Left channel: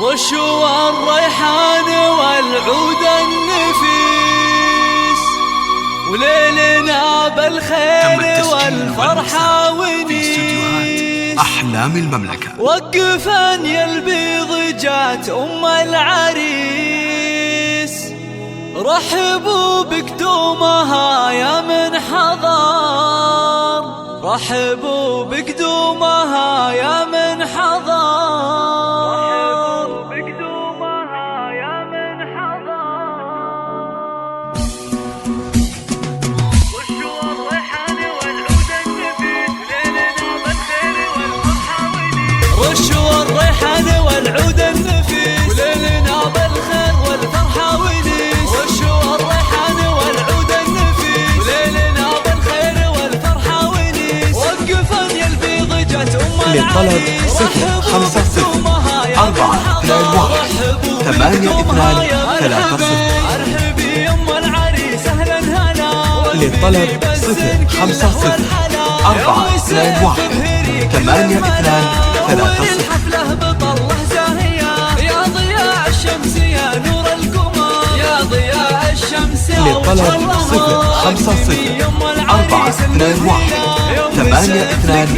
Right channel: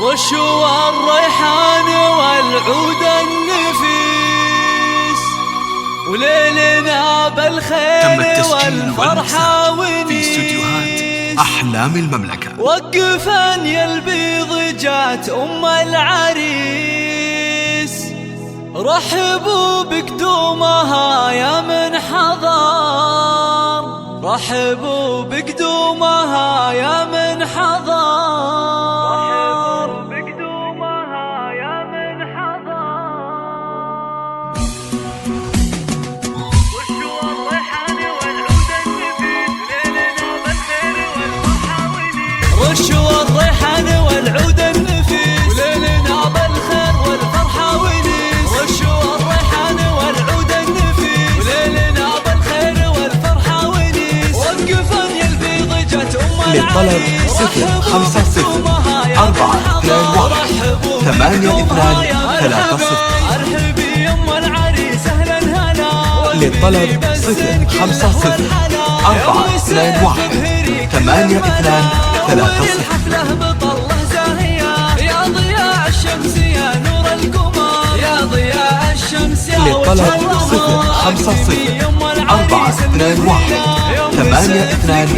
رشوى الريحان والعود النفيس، وليلنا بالخير والفرحة ونيس. في استوديوهات أحلام المملكة. وقفن يا البيض جات أم العريس، رحبوا بقدومها يا من حضر، رحبوا بقدومها يا من حضر، رحبوا بقدومها يا من حضر. رشوى الريحان والعود النفيس، ليلنا بالخير والفرحة ونيس. رشوى الريحان والعود النفيس، وليلنا بالخير والفرحة ونيس. رشوى الريحان والعود النفيس، وليلنا بالخير والفرحة ونيس. وقفن يا البيض جات أم العريس، 054-421-823. ارحبي يا ام العريس اهلا هلا. للطلب 054-421-823. حفله بطله زاهيه يا ضياء الشمس يا نور القمر، يا ضياء الشمس يا للطلب 054-421-823.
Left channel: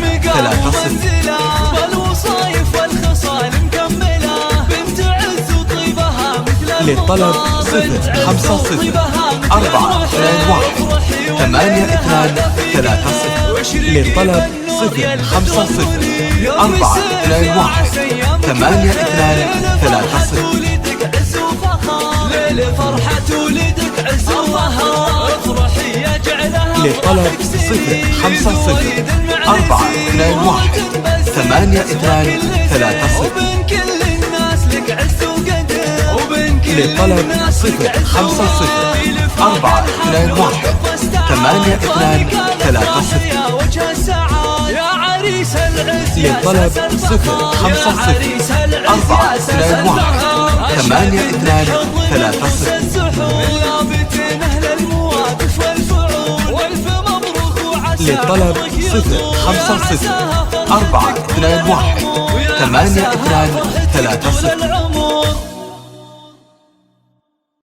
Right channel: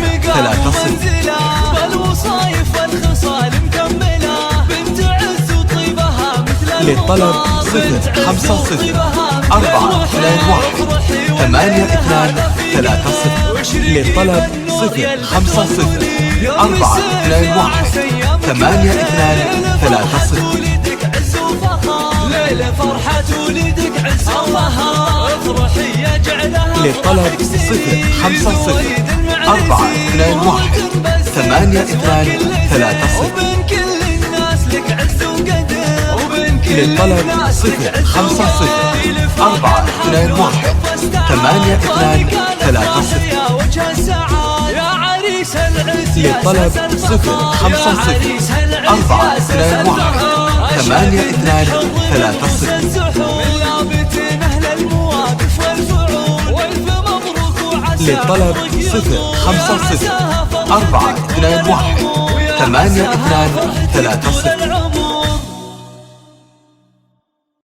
بالوصايف والخصال مكمله، بنت عز وطيبها مثل للطلب 054-421-823. للطلب 055-421-823. ولدك عز وفخر، ليل فرحة ولدك عز وفخر، افرحي يا جعلها. للطلب 055-421-823. وبين كل الناس لك عز وقدر، وبين كل للطلب 055-421-823. يا وجه السعادة يا عريس العز. للطلب 055-421-823. من لابتين اهل المواقف والفعول، والف مبروك وعسى. للطلب 055-421-823.